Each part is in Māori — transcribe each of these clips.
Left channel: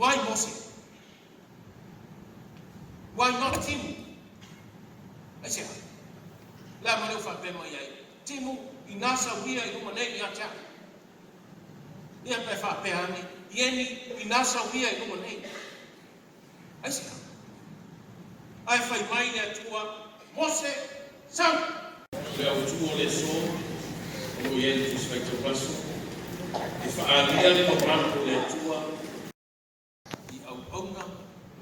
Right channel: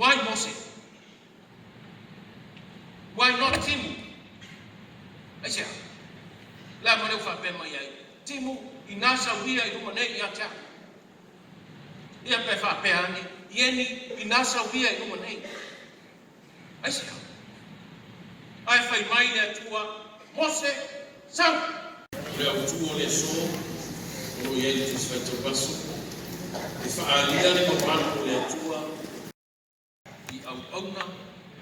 Why Mose? Why not Timu? Asia. La mo fa pe mo ye. Timu inasa wia I mo nei ya ta. Ia pe fa pe ani. Yeni inasa wia I mo nei. Asia. Ai fai mai ne tua Mose sang. Le autu o le so o ye tu sfetto passo. E fa alia le mo manco le tua. I au auna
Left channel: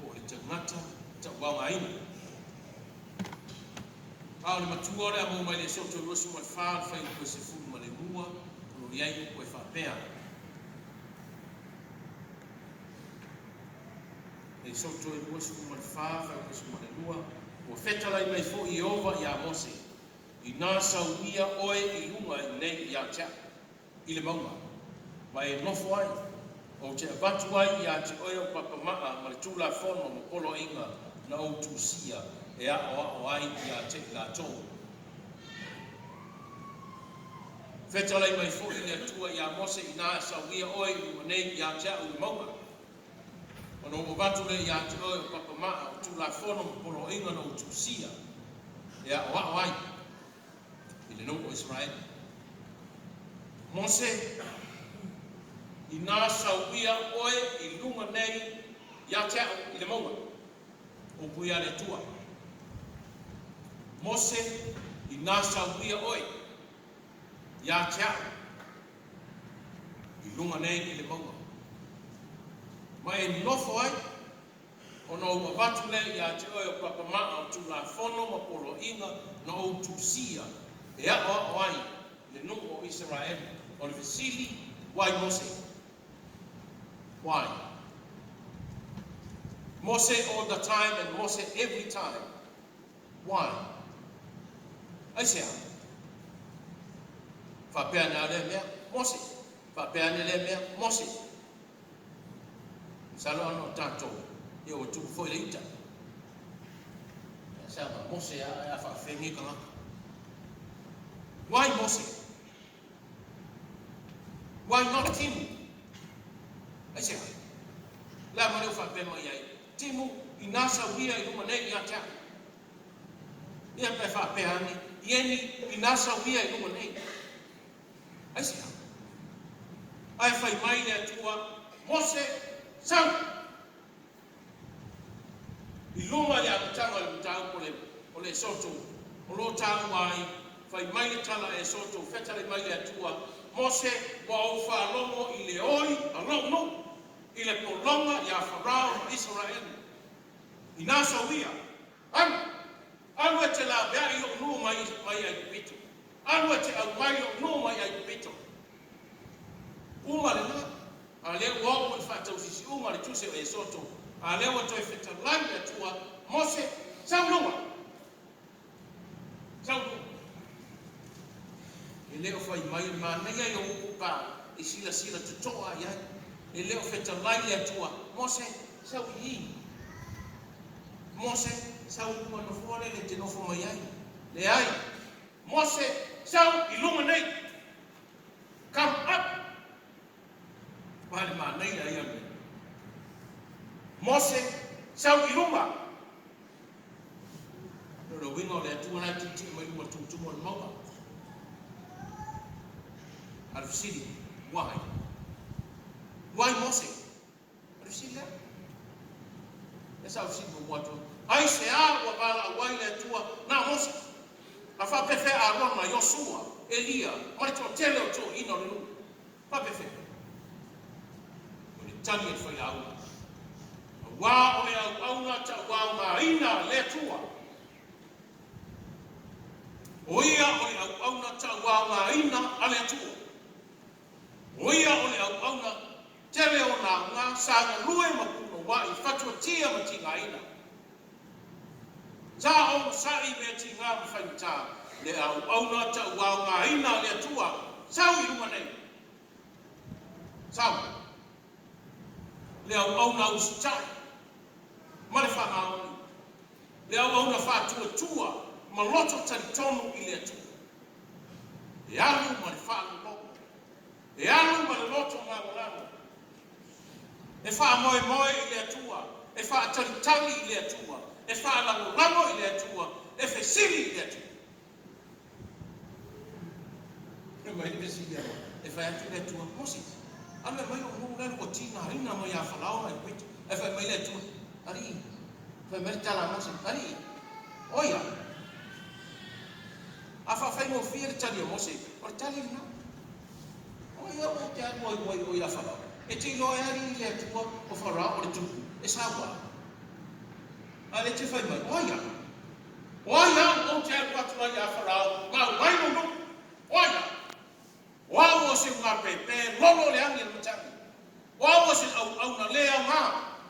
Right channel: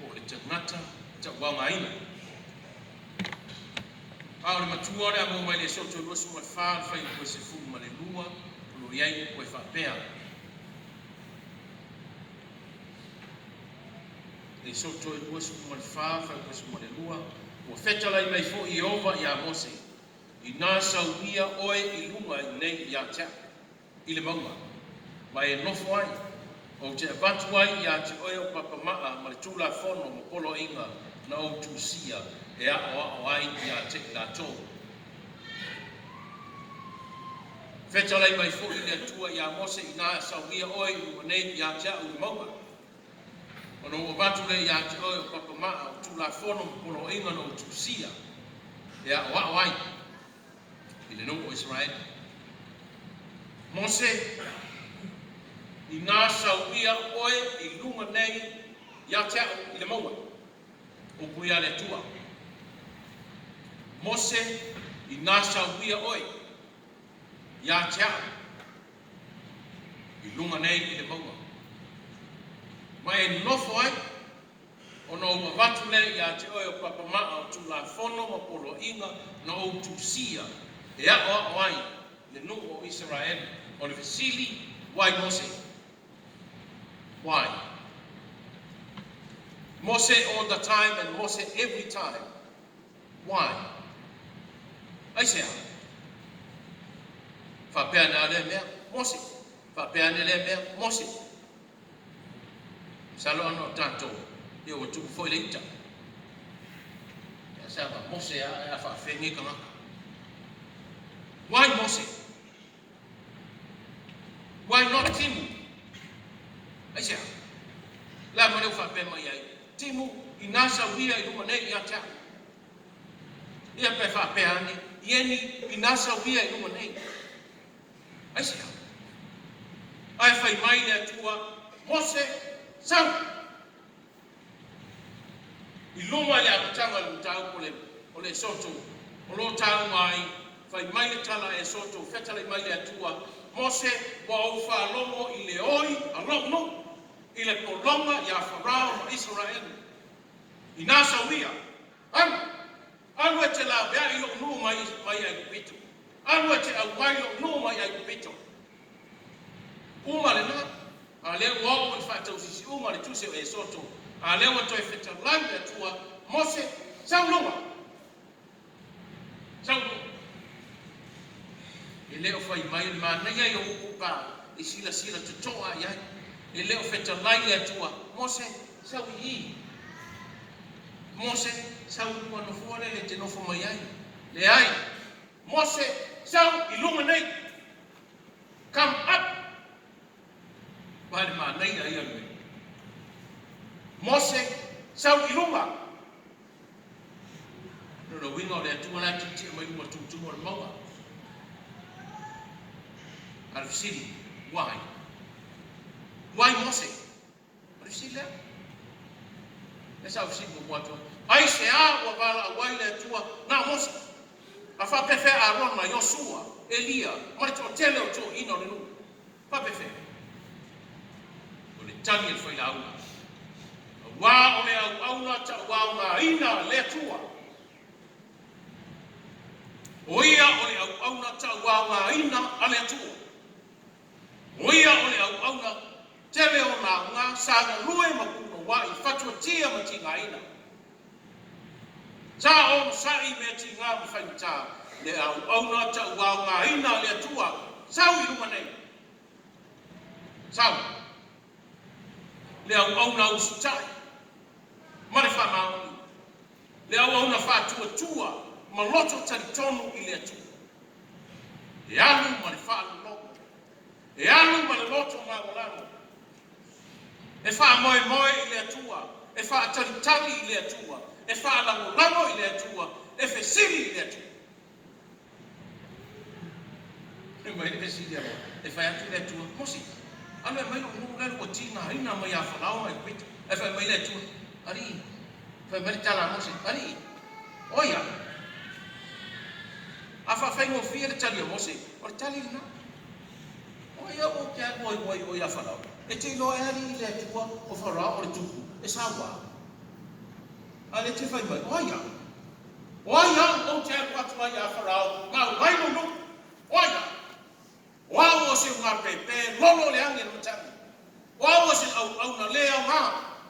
o e tangata ta wangaina. Paolo matua le mo mai le soto lo su ma fa fai ko se fu ma le lua lo iai ko fa pea. Le soto lo su ma fa fai ko se ma le lua o feta lai mai fo I ova ia Mose. I na sauia oe I lunga nei ia ta. I le maunga. Mai e nofo ai. O te avatu ai ia te oe o papamaa ma le tula fono mo polo inga na o tusia e a o ai ia te la tō. Whetalai mai fo I le atua ia Mose I nā sauia oe I nei ia te au I maunga. Ono o batu le ia te oe o papamaa o tula fono mo polo inga na o tusia e a o ai I le nungo Israel. Mose I nā sauia oe I lunga nei ia te au I le maunga. O puia le tua. Mose I nā sauia oe ia te au I lunga nei I le maunga. Mai e nofo ai ono o watu le ia te oe o papamaa o tula fono o polo inga na o tusia e a o ai le nungo o Israel o le vesili. Why Mose? Why? Mose all the time and Mose every time. Why? I say, fa pena le mea Mose, fa pena le mea Mose. Salo no tanto, eu tu foi leita. Ya sabe, Mose a fa fengi kama. Why Mose? Why not Timu? I say, la mo fa pena ia Timu inasa wia I lunga nei ia ta. Ia pe fa pe ani, yeni inasa wia I lunga nei. Asia. Ai fai mai ne tua Mose sang. I lunga le atanga le tau o le soto. O lo tau mai fai mai le tala e soto feta le mai le tua Mose wa o fa longo I le oi alongo. I le polonga ia Farao Israel. I nasa wia. Anu te la vea I o mai ai kupito. Anu te au mai o mai ai kupito. Uma le na. A le wao I fata usisi uma le tuse o e soto. A le wa toi feta langi atua Mose saulunga. Saulunga. E leo fai mai le mana ia I o upa. I sila tutoa iai. E leo feta langi atua Mose sauhi. Mose sau uma no fore le te nofo mai ai. Le ai. Mose sau I lunga nei. Come up. Wale ma nei ai ame. Mose sau I lunga. No wingo le atua na titi mai uma tutumo le maua. Out of city. Why? Why Mose? Out of city there? That's how she will want to. I say, wa bala wai le tua na Mose. La fa pefe Aaron ma Joshua, Elia, ma to tele o to ino le. Fa pefe. O le tani e foi au. Wa o le au na ta wa ma ina le tua. O ia o le au na ta wa ma ina ale tua. O ia o le au na tele o na nga sa na lue ma ku wa I fatu tia ma tinga ina. Ta o sa I me tinga ma faita le au na ta wa nga ina le tua sau I uma nei. Sau. Le au na usta. Ma le fa ma. Le au na fa tua ma loto talitonu I le tua. E alu ma le fa lo. E alu ma le loto ma o lamo. e wha moe moe i le atua, e wha talitali i le atua, e wha lango lango i le atua, e whesiri i le atua. E mai le whesiri amo, e wha atu le atua, mosi. Ame mai o munga ko tina ina mai a whalao mai pita, e wha mai le atua, ari, wha mai tala mosi, ari, oia. A wha whaingo whia le tali a mosi, o le tali na. Oia o te atu oi a whalao. E te ilo e hari le atua o whara o le tuku, e sawa. A le te whai mai, oia. Oia o te atu atu ai a wharao, ma wai o no, oia. Oia o se ngā pepe, lolo le ange na matangi. Oia o se au na lea o ngā.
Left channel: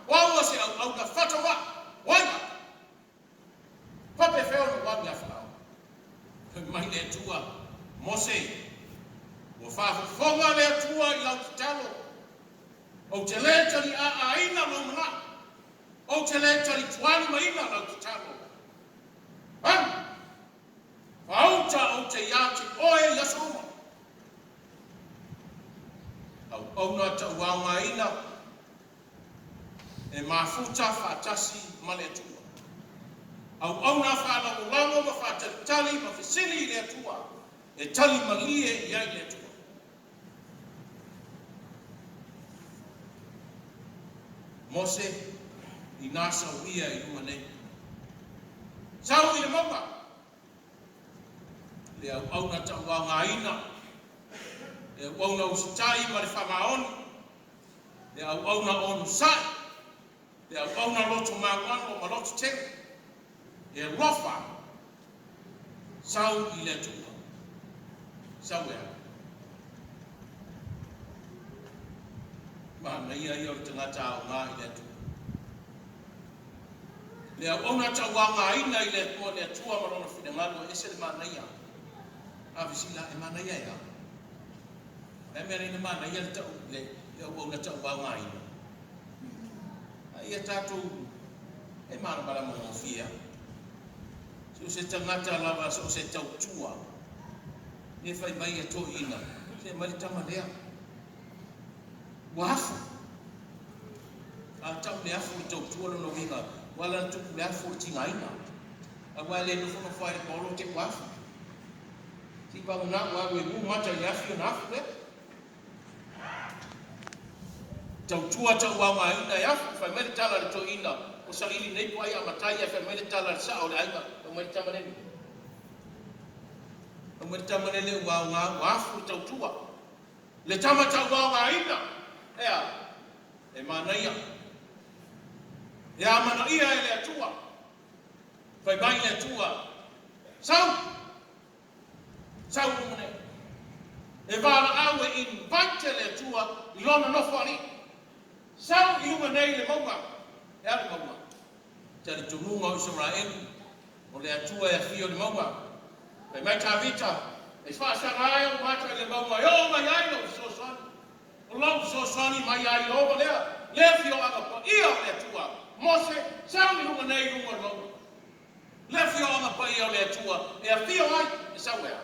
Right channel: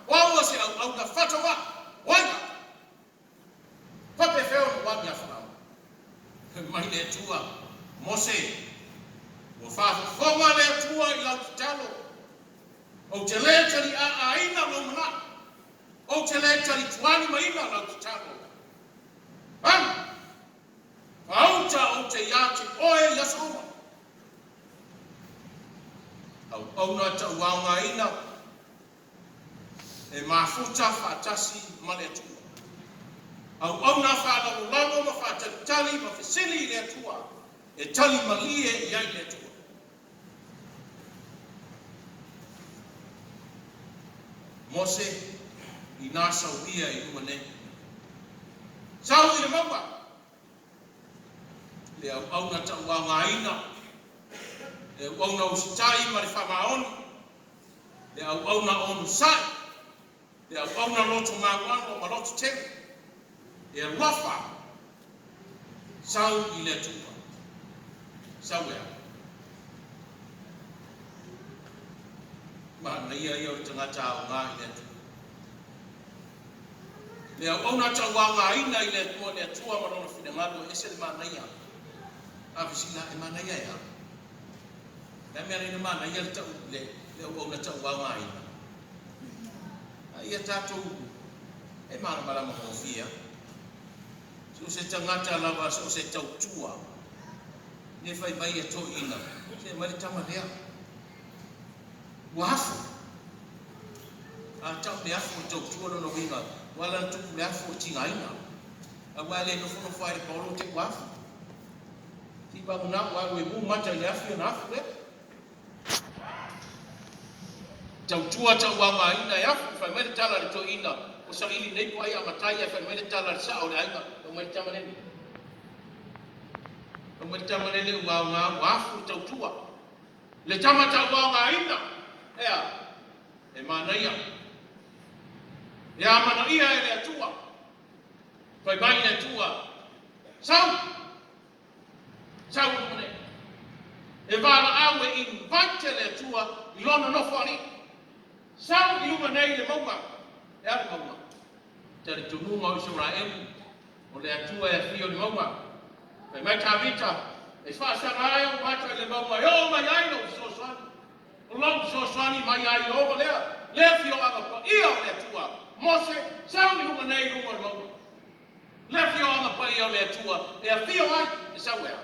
Oia o se au na whatawa, oia. Pape wheo na wani a wharao. Mai le atua, mose, o whaafonga le atua i lau ki talo. O te lea tali a aina lo mana. O te lea tali tuani maina lau ki talo. Whauta o te iate oe yasaroma. Au na tauanga ina. E mafuta whaatasi male atua. Au na whaanamo lano ma whaatalitali ma whesiri le atua. E tali malie i ai le atua. Mose i nā sau ia i umane. Sau i le maua. Le au na tauanga ina. Le au na usitai ma le whamaoni. Le au na onu sai. Le au na loto mawano ma loto tene. E rofa. Sau i le atua. Sau ea. Ma ia o te ngata o ngā i le atua. Le au na tauanga ina i le atua le atua marona whine ngalo e se le mana ia. A visila e mana ia ea. E mea reina mana ia le tau le au na tauanga ina. A ia tātou e mana marama o fia. Se o se tangata lava se o se tautua. Ne whai mai e to ina. Se mai tama lea. Wafu. A tau le afu tau tuolo no winga. Wala tuku le afu tinga ina. A wale no fono whaere polo te wafu. Ti ba una wa we bu mata le afu na afu le. Tau tua tau wanga ina e afu. Whai mai tala le to ina. O sa ili nei ko ai amatai e whai mai tala le sao le aina. O mai tama nene. O mai tama nene wa ngā wafu tau tua. Le tama tau wanga ina. Ea, e mana ia. E a mana ia e le atua. Whai mai le atua. Sau. Sau umane. E wala awe invite le atua i lona nofo ari. Sau i umane le maunga. E a le maunga. Te le tumunga o isura emu. O le atua e a fio le maunga. Whai mai ta vita. E whaasanga e mata le maunga. Yo mai aino so sani. O lau so swani mai ai o lea. Lea fio anga po ia le tua. Mose, sau ni huma nei huma lau. Lea fio anga po ia le tua. E a fio ai, e sau ea.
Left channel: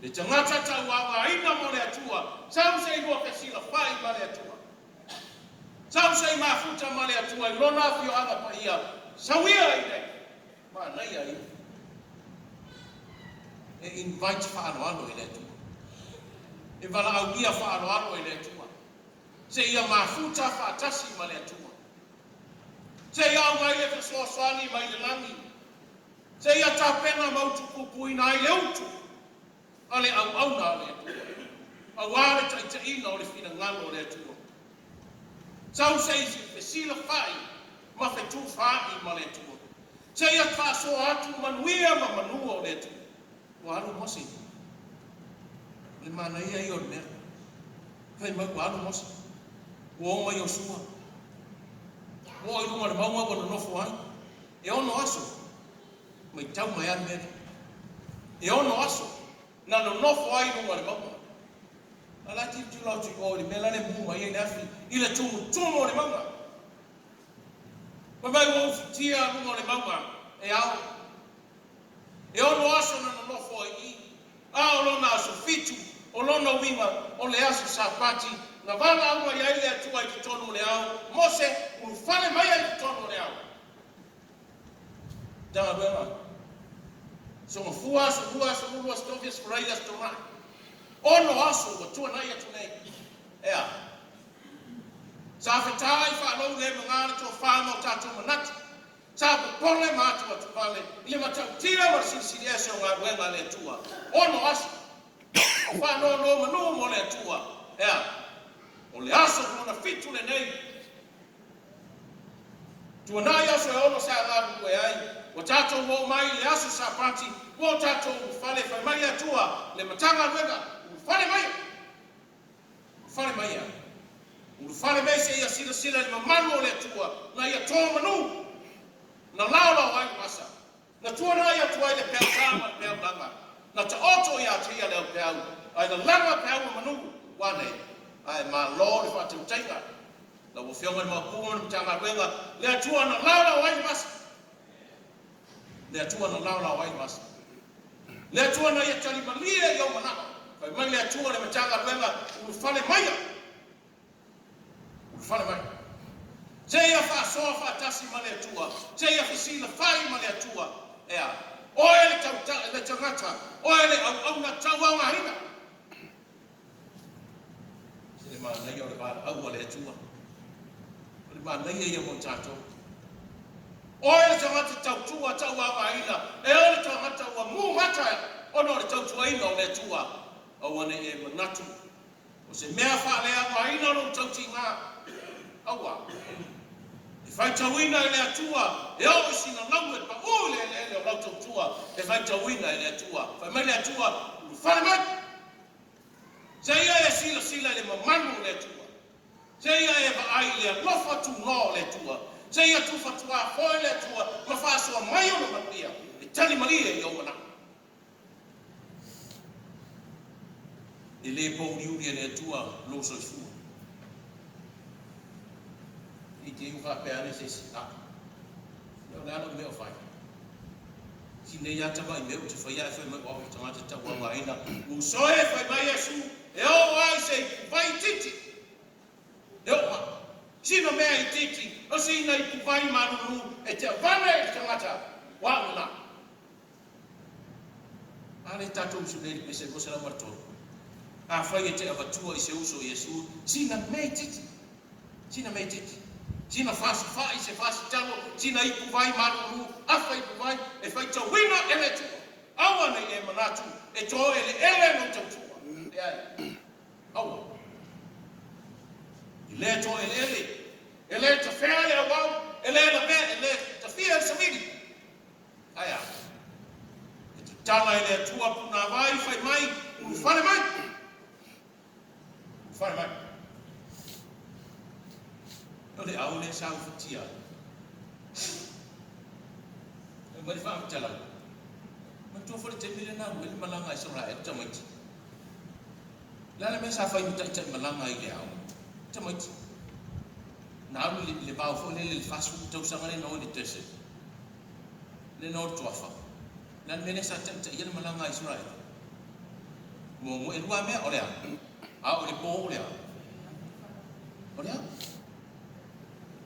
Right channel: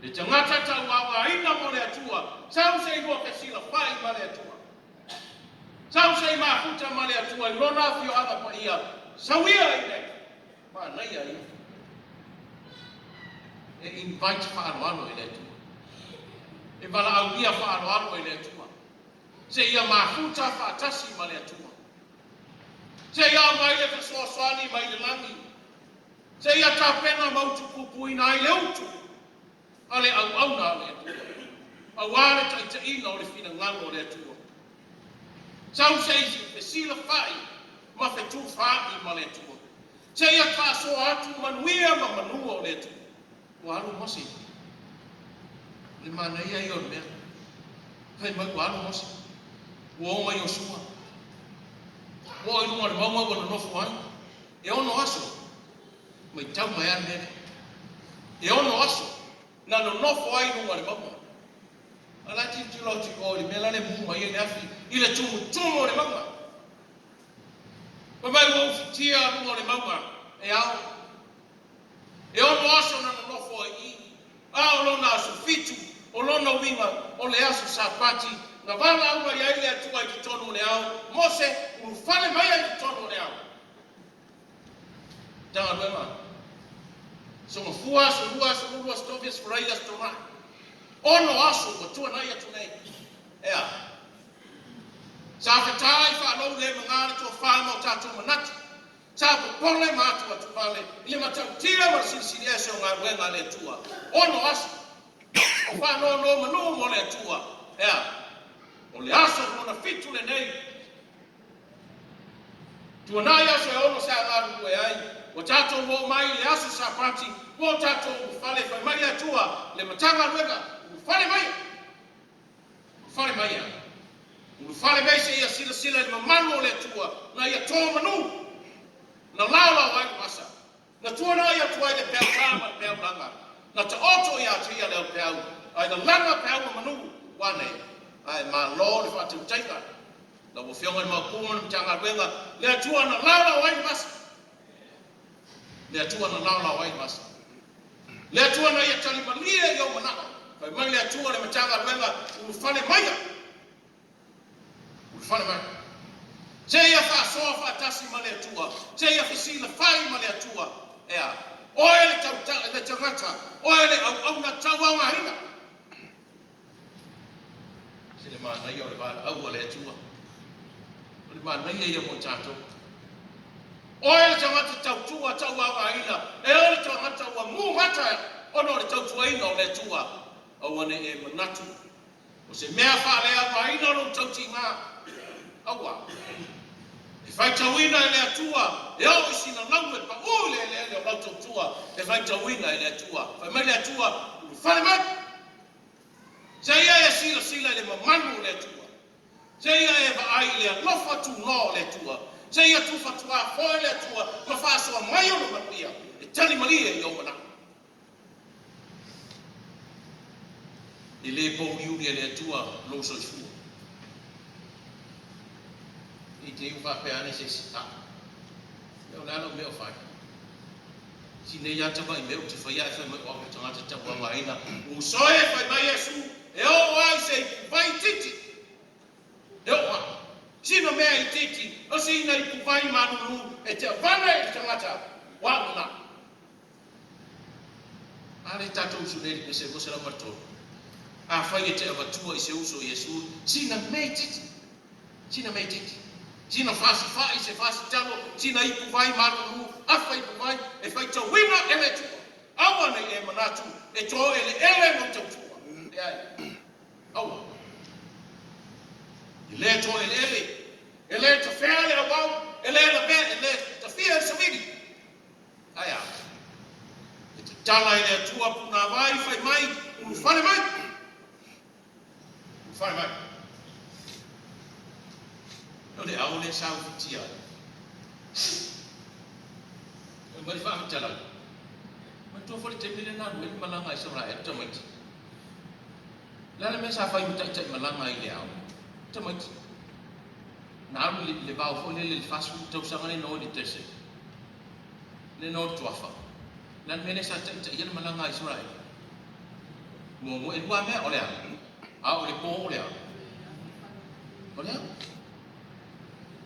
Le tangata tau anga ina mo le tua. Sau se i ke sila whai ma le tua. Sau se i mafuta ma le tua. I lona fio anga po ia. Sau ia i nei. Ma nei ai. E invite whaano i le tua. E wala au ia whaano i le atua. Se ia mafuta whaatasi ma le atua. Se ia mai le whasoasani mai le langi. Se ia tāpena mautu kupuina ai le utu. Ale au na le atua. Au ale taitaina o le whina ngalo le atua. Sau se isi whesila whai ma whetu whai ma le atua. Se ia kāso atu manuia ma manua o le atua. Wa alu mosi. Le mana ia i on mea. Kai mai wānu mosi. Ua mai o sua. Ua i runga le maunga wana nofo ai. E ono aso. Mai tau mai an mene. E ono aso. Na no nofo ai runga le maunga. Ala ti tilo ti o li mela le muma i le afi. I le tumu le maunga. Pa mai ua ufitia runga le maunga. E ao. E ono aso na no nofo ai i. A o lona aso fitu. O lona winga o le aso sapati na wala au mai ai le atua I ki tonu le au, Mose, ulu whale mai ai ki tonu le au. Tanga duema. So mafua, so lua, so lua, so tofias, furaila, so toma. Ono aso, wa tua nai atu nei. Ea. Sa whetai whanau le mangana tua whanau tātou manatu. Sa pole mātua tu vale. Ile matau tira wa sisi eso ngā ruenga le tua. Ono aso. Whanau no manu mo le tua. Ea. O le aso mona fitu le nei. Tua nai aso e ono sa ngā rue ai. O tātou mo mai le aso sa pati. O tātou whale whai mai le tua. Le matanga ruenga. Whale mai. Whale mai a. Ulu whale mai se ia sila sila ni mamanu o le tua. Na ia tō manu. Na laula wai masa. Na tua na ia tuai le pēr tāma le pēr langa. Na ta oto ia tia le pēr. Ai na langa pēr manu. Wane. Ai ma lo le whati utaika. Na wafionga ni makuma ni mtanga ruenga. Le tua na laula wai masa. Le tua na laula wai masa. Le tua na ia tali malia iau manaka. Kai mai le tua le mtanga ruenga. Ulu whale mai a. Ulu whale mai. Se ia whaasoa whaatasi ma le atua. Se ia whisila whai ma le atua. Ea. Oe le tangata. Oe le au na tau au ngahina. Se le maa nei au le vada au le atua. Le maa nei ia mo tātou. Oe le tangata tau tua tau au ngahina. E o le tangata ua muhata. Ono le tau tuaina o le atua. Au ane e manatu. O se mea whaalea ngahina o le tau tinga. Aua. E whai tauina e le atua, e au isi na lau e pa ule e o lau tautua, e whai tauina e le atua. Whai mai le atua, ulu whare mai. Se ia e sila sila e le mamanu le atua. Se ia e vaai le alofa tu no le atua. Se ia tu fatua hoi le atua, ma whaasua mai o na makia. E tali maria i au mana. E le pou niuri e le atua, lo so fua. I te iu whapeane se sita. Leo lalo meo whai. Si ne ia tama I meo te whaia e whai mai wau e tangata tapu a waina. Usoe whai mai e su. E o ai se vai titi. E o mai. Sina mea I titi. O se ina I kuvai manuru. E te vana e tangata. Wau na. Ale tatou suneri pe se gosara matoro. A whai e te avatua I se uso Yesu. Sina mea titi. Sina mea titi. Sina fasi fai se fasi talo, sina ipu vai maruru, afa ipu vai, e fai tawina ele tua. Awa na e manatu, e to ele mo tautua. Awa. Ele to ele ta fea le awau, ele la mea, ele ta fea se vidi. Aya. E te tala ele tua puna vai, fai mai, unu fale mai. Fale mai. No le au le sau fitia. E mari wha mitala. Ma tua whare te pere nāru, e malanga I sara e tamaiti. Lana me sa whai mita te malanga I le au. Tamaiti. Nāru le bau whone le whasu tau sangare no ni tese. Le no tuafa. Lana mene sa te iana malanga I sara e. Mo e rua mea o lea. A o le po o lea. O lea.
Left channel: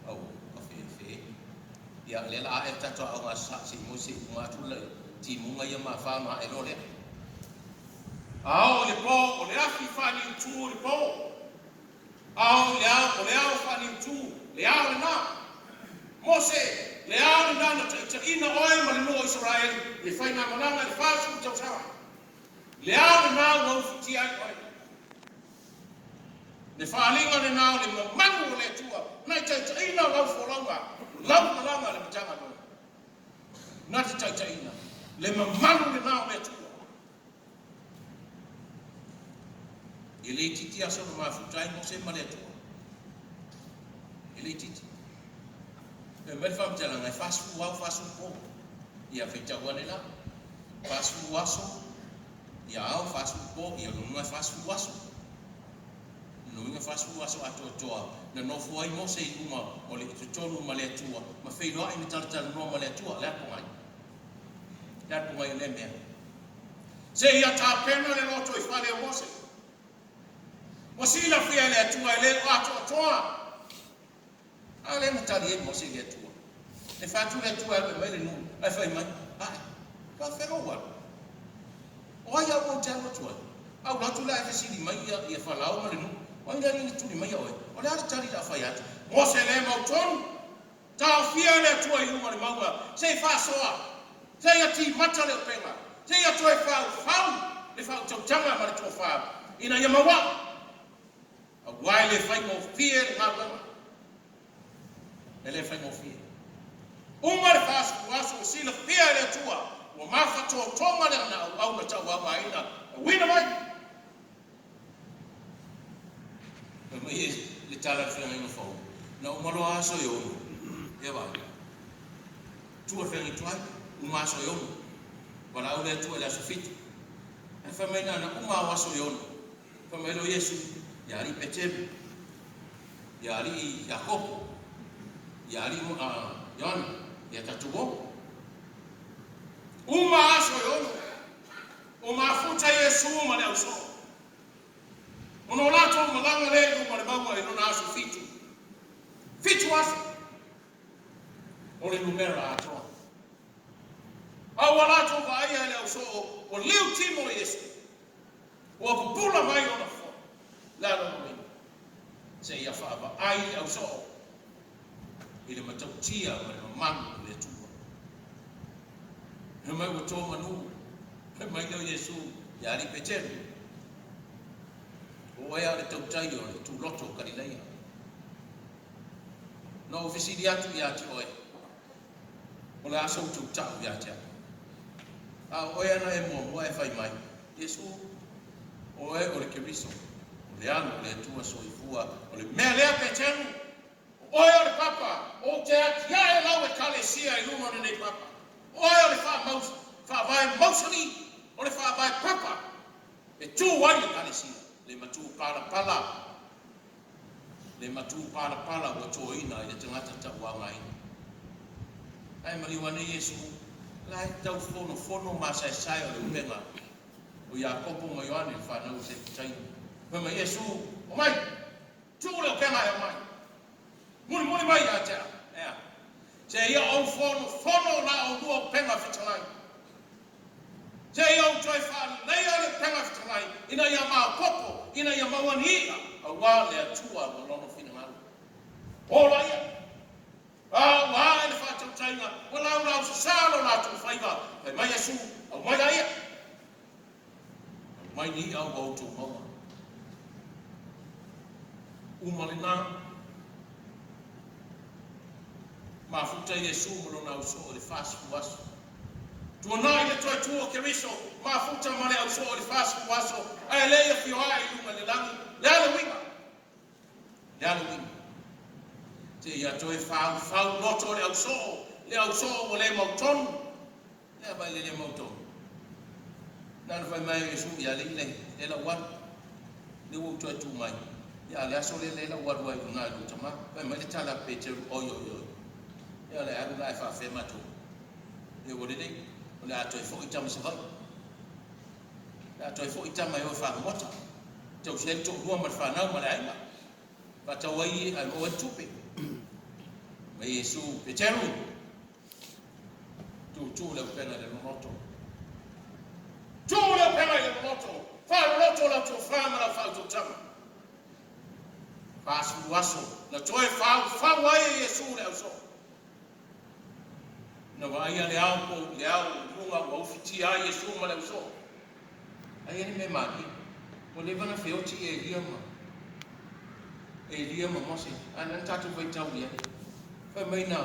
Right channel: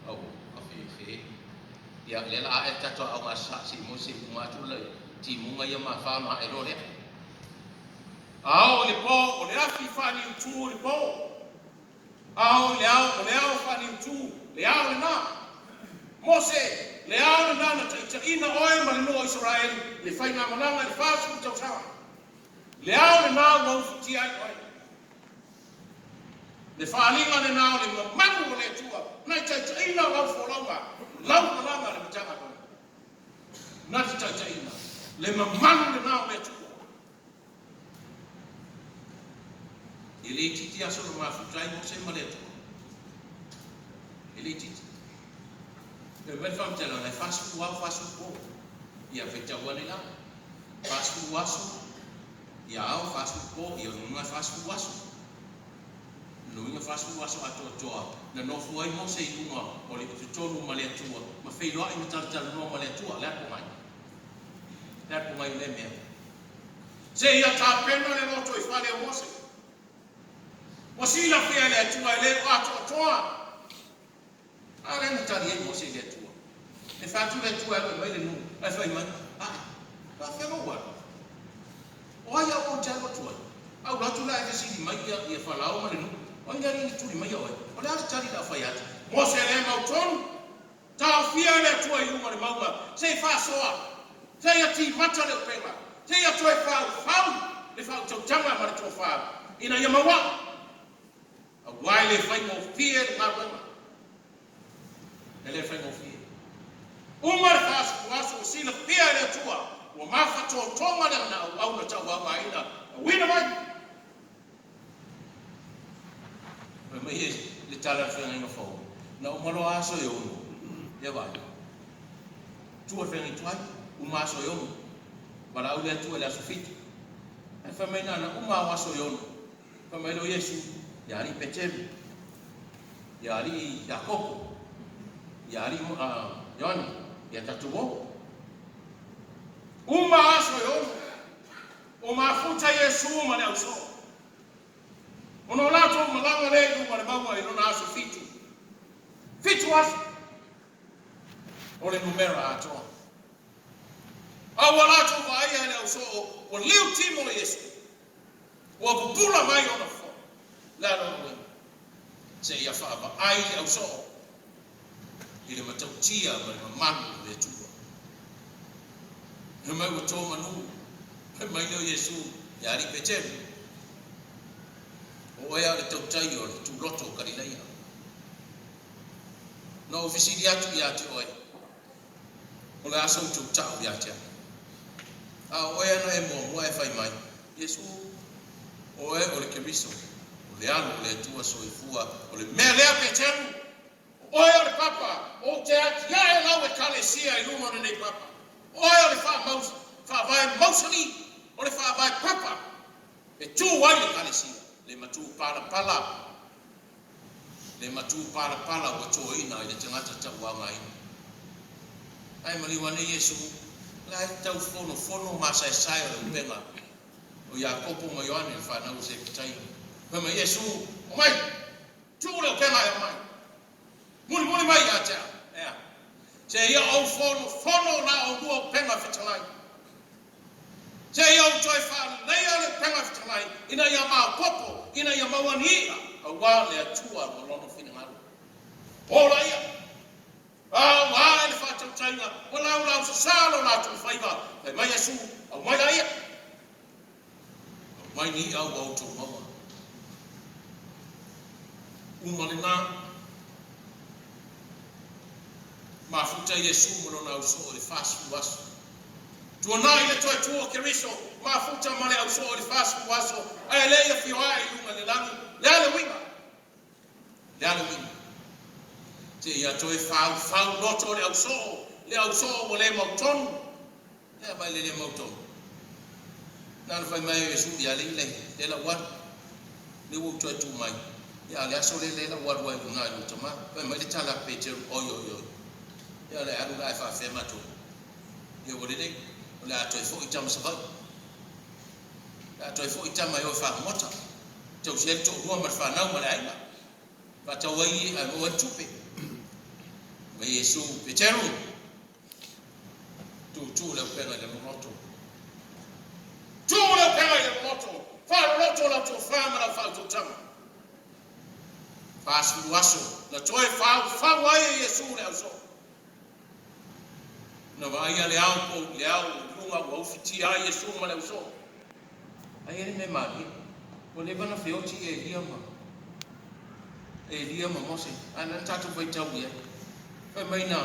Oh, afi. Ya le la e tato au ngasa si mo si ngatu le ti munga ia ma fa ma e role. Au le po, o le afi fa ni tu le po. Au le au fa ni tu, le au na. Mose, le au na na te ina oe ma le no Israel, le fa na mananga le fa su tau sa. Le au na no futi ai oi. Le whaalinga ne nao le manu o le tua. Nai taitaina lau wholaunga. Lau wholaunga le mitanga kona. Nai taitaina. Le manu le nao le tua. I le titi aso no mafutai mo se male tua. I le titi. Le melfam tala nai fasfu wau fasfu po. Ia whetahua ne la. Fasfu waso. Ia au fasfu po. Ia nunga fasfu waso. Nunga fasu waso atoa na no foi mo se uma o le tonu ma le tua ma fei loa I tarta no ma le tua le po mai le mea se ia ta pena le moto I fale mo se Mosila fia le tua le ato toa. Ale na tari e mosi le tua. E fatu le tua le mai no. E fai man. Ka fe mo wa. O ya o te mo tua. Au la tu la e si di mai ia fa la o no. O ya ni tu di mai o. O la tari da fa ya. Mo se le mau tonu. Ta fia le tua i uma le maua. Se fa soa. Se ia ti mata le pena. Se ia tu e fa. Le fa tau tanga ma le tua fa. Ina ia maua. A wai le fai mo fia le marunga. Ele fai mo fia. Uma le fas kuaso si le fia le tua. O mafa to tonga le na au le tau wa ina. Wina mai. Mai mai le tala fia ngai fo. Na o malo aso yo no. E va. Tua fia ni tuai. Uma aso yo no. Wala au le tua le asofiti. E fa mai na uma aso yo no. Fa mai lo Yesu. Yari Petru, yari Yakobo, yari Yohana, ya tatuo. Uma aso yono, umafuta Yesu mane uso. Onolato malanga le mane maua ino na aso fiti. Fiti waso. Ole numera ato. Awalato vai ale uso o liu timo Yesu. O pupula mai ona. La no se ia fa ba ai le so ile matautia ma man le tua no mai o to manu mai le Yesu ya ri Petru o ia le tautai o tu loto kalileia no ofisi atu ya tu o la so tu ta ya ta o ia na e mo e fai mai Yesu o le Kristo le anu le tua soifua o le mea lea Petru oia le papa o te atia e lau e kalesia i luma nei papa oia le wha vai mausani o le wha vai papa e tū wai le kalesia le matu pala o tō ina i le tangata tauanga ina ai maliwane Yesu la e tau fono masai o le upenga o Yakobo mo Yohane whanau se pitai Mama Yesu, o mai, tu le o kema e o mai. Muni mai a tea. Se ia au fono na o lua penga fitalai. Se ia au toi whani, nei a le penga fitalai, ina ia maa popo, ina ia mawani a wā le atua no lono whina maru. Ola ia. A wā le whātau tainga, o lau sasalo nā tu whaiva. Mai mai Yesu, au mai a ia. Au mai ni au tau maua. Umalina mafuta Yesu mo na uso le fasu waso tuona ile toi tuo keriso mafuta mo le uso le fasu waso ai le ia fiwa i lunga le langi yale wima te ia toi fa loto le uso mo le mauton ia ba le mauton na fa mai Yesu ya le la wan ni wo toi tu mai ya le aso le la wadwa i na yo tama pa mai le tala Petru oyo ya le adu la fa fe matu ye wo le la to fo itama sa la to fo itama yo fa mota to se to ro ma fa na ma la ba ta wai ai wo tupe mai Yesu Petru tu le pena de moto tu le pena de moto fa loto la to fa ma la fa to tama Pasu waso na toi fa wai Yesu le so na vai ale au lunga wa ufiti ai Yesu ma le so ai ele me mari o le bana feoti Elia ma mose ana tatu vai tau ia fai mai na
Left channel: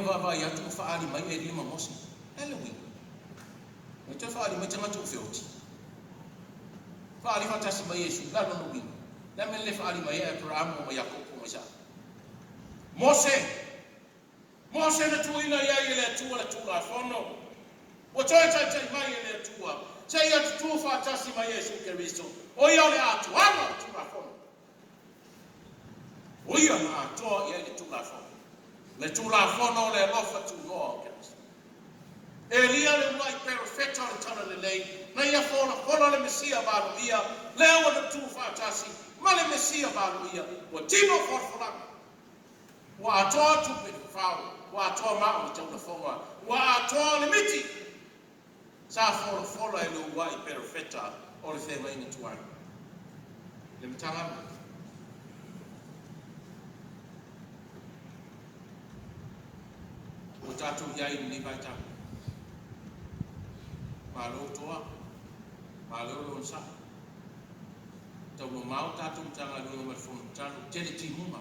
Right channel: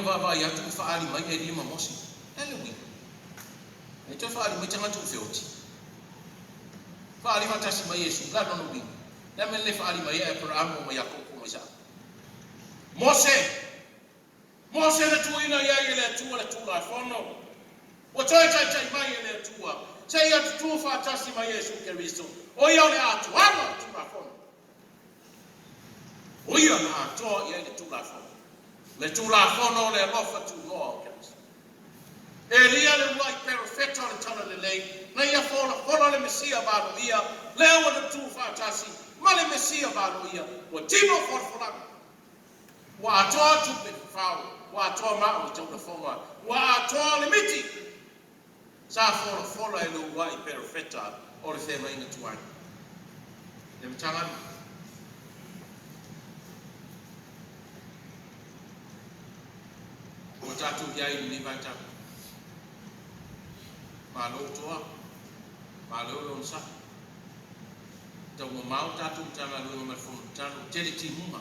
va ya tu fa ali mai Elia ma mose ele wi e to fa ali mai tanga tu feoti Fali matasi mai Yesu la no wi. Na me le fali mai Abraham o Yakobo mo sa. Mose na tuina ya ile tu la fono. O toi mai ile tua. Se ia tu fa tasi mai Yesu Kristo. O ia le atu ama tu la fono. O ia na to ia le tu la fono. Le tu la fono le lofa tu no. lia le mai perfecta le tala le lei, na ia fola le mesia balo ia, lea wa le tu fatasi, ma le mesia balo ia, wa tino forfola, wa atoa tupe fao, wa atoa maa le tau fonga, wa atoa le miti, sa fola e le wai perfecta, o le fema inga tuai. Le mtanga o tatu iai ni vai tatu. Malo toa, malo lo sa. Tau mo mau tatu mtanga lo me fun tatu tele ti muma.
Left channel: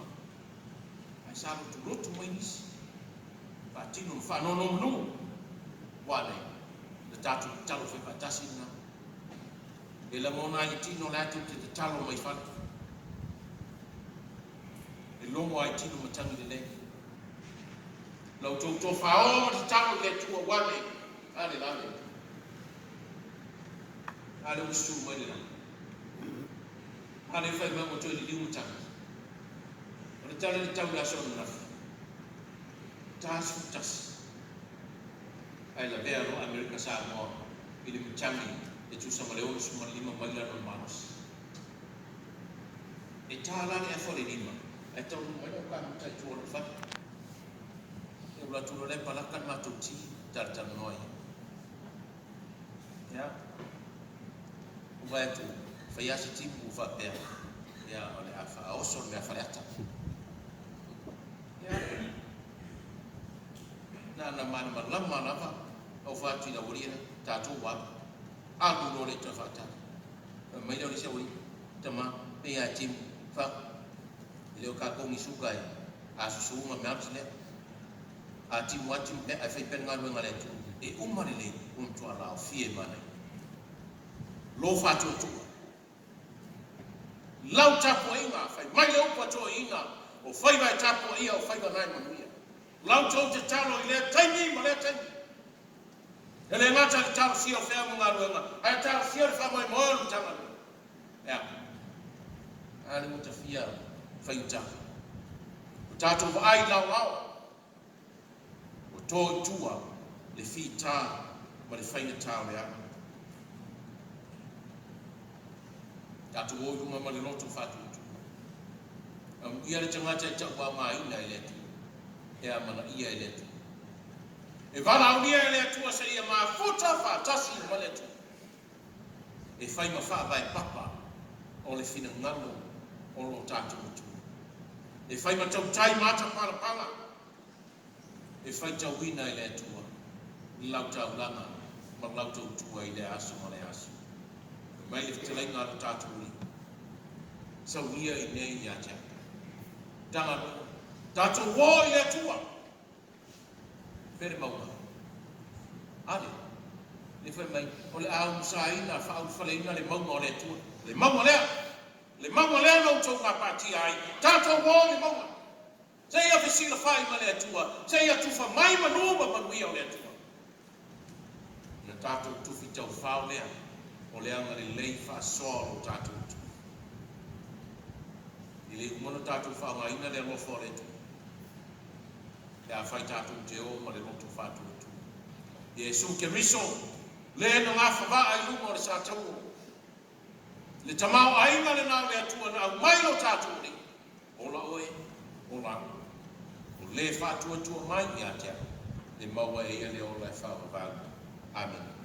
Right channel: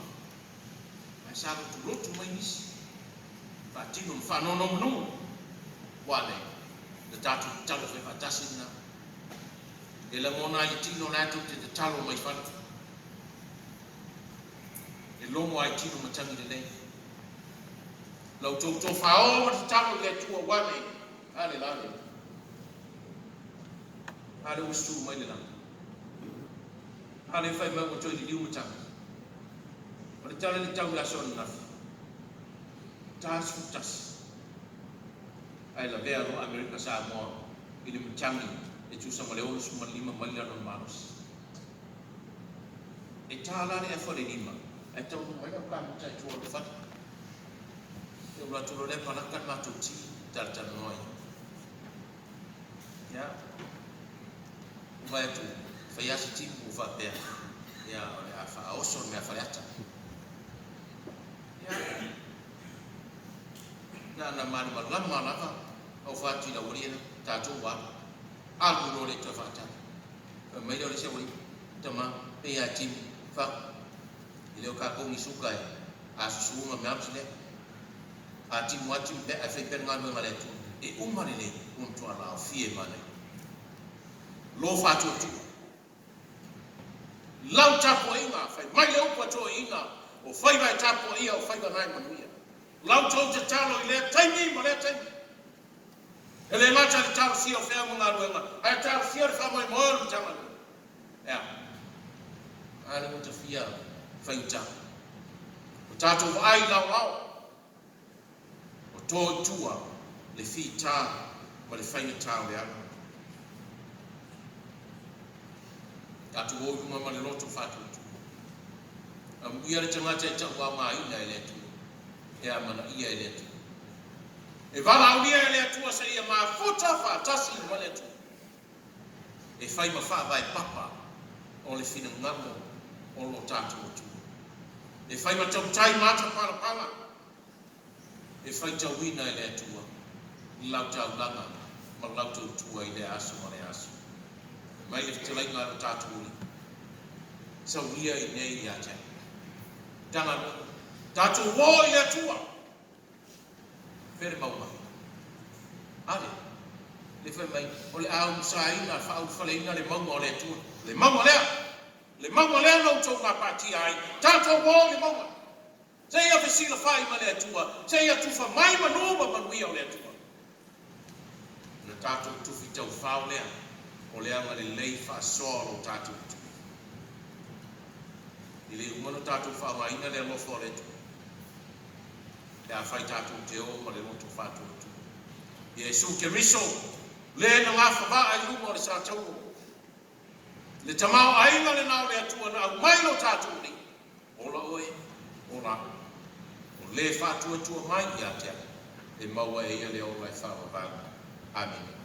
Ai sa tu rotu mai nisi. Pa tino fa no no. Wale. Le tatu talo fe fatasi na. E la mona i tino la tu te talo mai fa. E lomo ai tino matangi de lei. Lau to fao te talo le tua wale. Ale lale. Ale usu mai le lale. Ale fai mai o toi li umutanga. O le tala ni tau la son nafi. Tas futas. Ai la vea lo Amerika Samoa. Ili mtangi e tu sama le olu suma lima mai la non manos. E tala le efo le lima. E tau mai la kwa mutai tua le fata. E ula tulu le palaka na tu ti tartan noi. Ya. Vai tu fai asi timu va per ya ole fa oso me fa lata ya na man lama na va o fa ti la urina ta tu wa algo no le ta fata mai le se uri tama e ya tim fa ile o ka ko ni suka a su ma me amsle a tim wa tim be a fe per ngalo ngale tu e umari le un tu ala fie mana lo fa tu lau tapo inga, fai mai leo pato inga, o fai vai tapo ia, o fai vai nai manuia. Lau tau te talo i lea taimi, ma lea taimi. E le ngata le talo sia o fea mga ruenga, ai talo sia le whamai moa lu tanga lu. Ea, ai le uta fia, fai uta. O tato wa ai lau lau, o tō tua, le fi tā, ma le whaina tā le anu. Tatu o yuma ma le loto fatu tu. Ia le tangata e tau wa mai na ele tu. E amana ia ele tu. E vala au ia ele tu sa ia ma futa fa tasi ma le tu. E fai ma fa vai papa o le fina ngamo o lo tatu tu. E fai ma tau tai mata para pala. E fai tau wina ele tu. Lau tau langa ma lau tau tua i le asu ma le asu. Mai le te lai ngara tātu uri. Sa uia i nei ia te. Tana tātu wō i le tua. Pere maua. Ale. Le whai mai. O le au musaina, whaau whaleina le maua o le tua. Le maua lea. Le maua lea nau tau ngā pātia ai. Tātu wō le maua. Se ia whasila whai ma le tua. Se ia tuwha mai manuma manuia o le tua. Na tātu tuwhi tau whao lea. O le anga le lei wha soro tātou tu. I le umano tātou wha maina le alofo le tu. Le a whai tātou te o ma le loto whātou tu. I e su ke miso, le na ngā whawa ai lunga o le sātou. Le tamau ainga le nao le atua na au maino tātou ni. Ola oe, ola. O le whātua tua mai i a tea. Le maua e ia le ola e whawa vāga. Amen.